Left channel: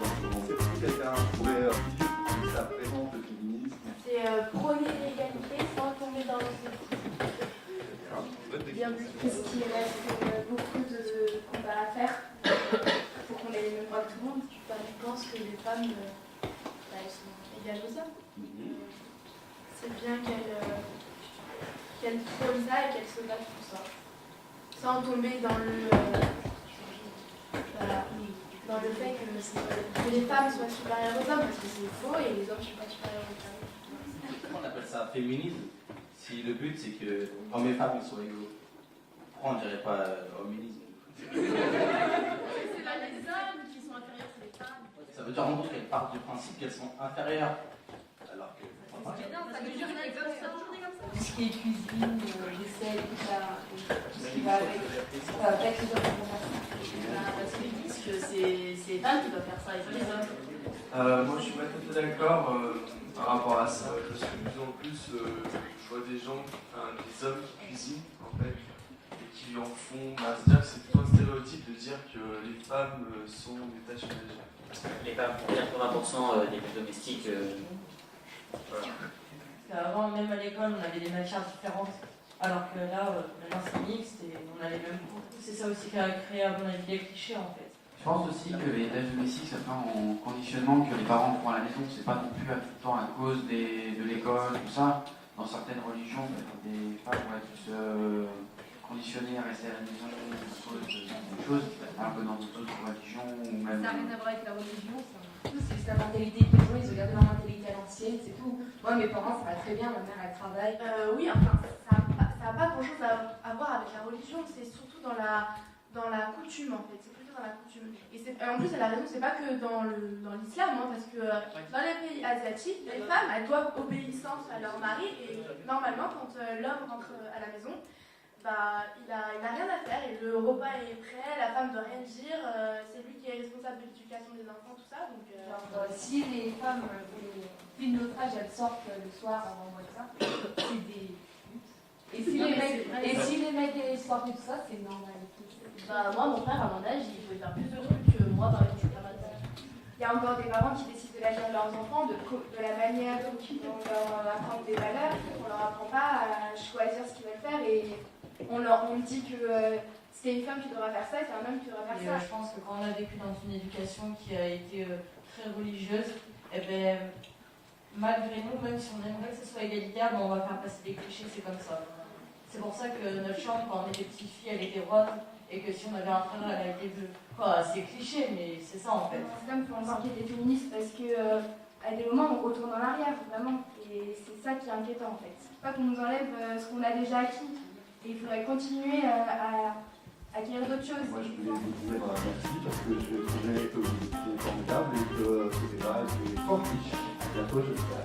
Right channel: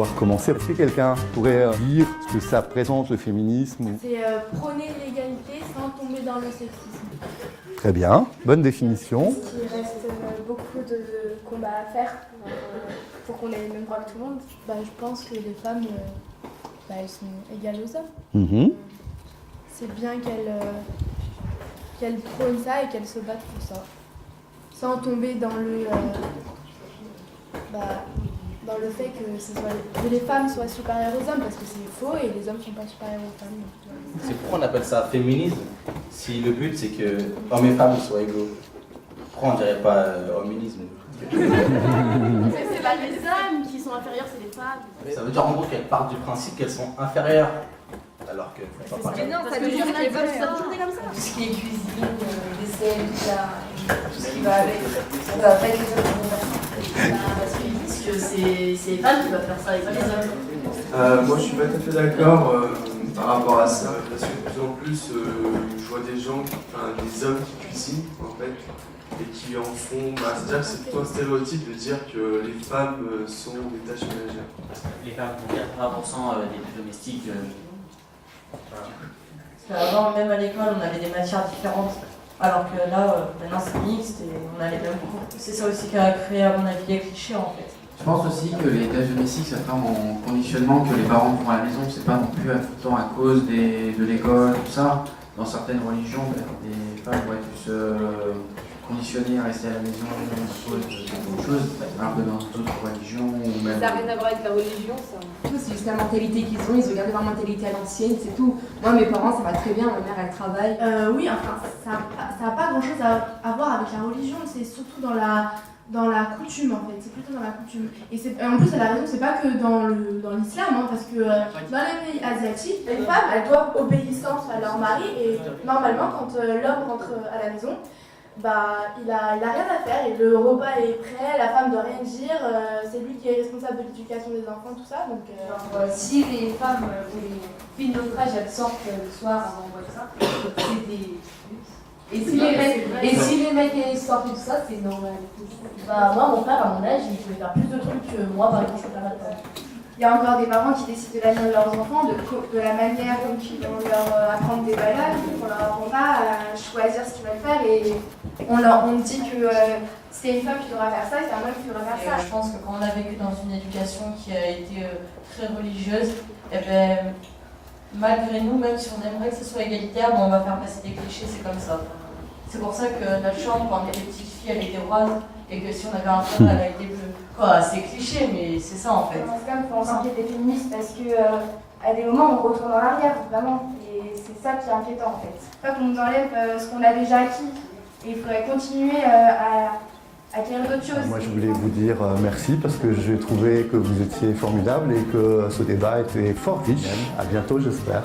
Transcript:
pouvoir commencer. Est-ce que quelqu'un pourrait dire ce que ça présente le féminisme? C'est prôner l'égalité sans tomber dans le sexisme. Très bien, bonne définition. Parce qu'il reste beaucoup de combats à faire pour qu'on ait les mêmes droits que tout le monde. Je pense que les femmes, elles sont égales aux hommes. C'est bien qu'elles prônent ça et qu'elles se battent pour ça. Sans tomber dans le fait que les femmes soient supérieures aux hommes, parce que c'est faux et les hommes ne sont pas supérieurs aux femmes. C'est pourquoi on appelle ça féminisme, si le but c'est que hommes et femmes soient égaux. Pourquoi on dirait pas hominisme? C'est pas les hommes qui sont inférieurs, c'est les femmes. Ça veut dire en gros qu'elles partent du principe qu'elles sont inférieures. Alors que non, ça veut dire qu'elles veulent ça tourner comme ça. Tout ce qui est cuisine, vaisselle, tout ce qui va avec, ça va pas être les hommes qui vont faire ça. Parce qu'ils disent que c'est les femmes qui doivent faire ça et pas les hommes. Moi je suis pas tout à fait d'accord par rapport à ça, parce que de plus en plus je vois des gens, des hommes qui cuisinent en fait, et qui en font, c'est-à-dire que c'est plutôt un stéréotype de dire que les femmes sont des tâches ménagères. Les femmes font 80% des plus domestiques. Parce qu'avant, même à l'école, on avait des matières différentes, alors que là, maintenant c'est mixte et on a les mêmes cours. C'est ça aussi qui a créé, à mon avis, les clichés en fait. Je pense aussi que les tâches domestiques, ça fait en conditionnement que les parents font à la maison. C'est pas non plus tout le temps à cause de l'école, tout ça. Dans certaines religions, des femmes vont être plus conditionnées à rester à la maison à cause de beaucoup de choses, alors que dans d'autres religions ou même... Ça n'a rien à voir avec la religion, ça. C'est juste la mentalité qu'ils ont, ils ont gardé leur mentalité à l'ancienne, c'est tout. Moi, mes parents, ça va très bien, ma mère, elle travaille. Oui, enfin, ça n'a pas grand-chose à voir avec la religion, c'est surtout dans la coutume en fait, c'est plutôt dans la coutume. Et en plus, elle a raison, c'est pas que dans l'islam, parce que dans les pays asiatiques, les femmes, elles doivent obéissance à leur mari et normalement, quand l'homme rentre à la maison, il a rien à faire et le repas est prêt, la femme doit rien dire, c'est lui qui est responsable de l'éducation des enfants, tout ça. Donc, si les femmes, les filles de notre âge, elles sortent le soir avant tout ça, c'est des... Et si les mecs ils sortent et tout ça, c'est normal. Moi, mon père, à mon âge, il peut faire plus de trucs que moi, par exemple, je peux faire maintenant. il y a encore des parents qui décident de l'avenir de leurs enfants, de la manière dont ils vont leur apprendre des valeurs, on leur apprend pas à choisir ce qu'ils veulent faire et on dit que c'est une femme qui devra faire ça et c'est un homme qui devra faire ça. Je pense que quand on a vécu dans une éducation qui a été très religieuse, malgré nous, même si on aimerait que ce soit égalitaire, on va faire passer des clichés, c'est comme ça. C'est pour ça que notre chambre, quand on était petites filles, elle était rose, et que si on avait un frère, elle a été bleue. C'est cliché, mais c'est ça en fait. Dans ce cas, il faut s'inquiéter des féministes parce qu'à des moments, on retourne en arrière, vraiment. Et c'est ça qui est inquiétant en fait. Pas qu'on nous enlève ce qu'on a déjà acquis. Et il faudrait continuer à acquérir d'autres choses. Moi, je voulais vous dire merci parce que j'ai trouvé que vous étiez formidable et que ce débat était fort riche. À bientôt, j'espère.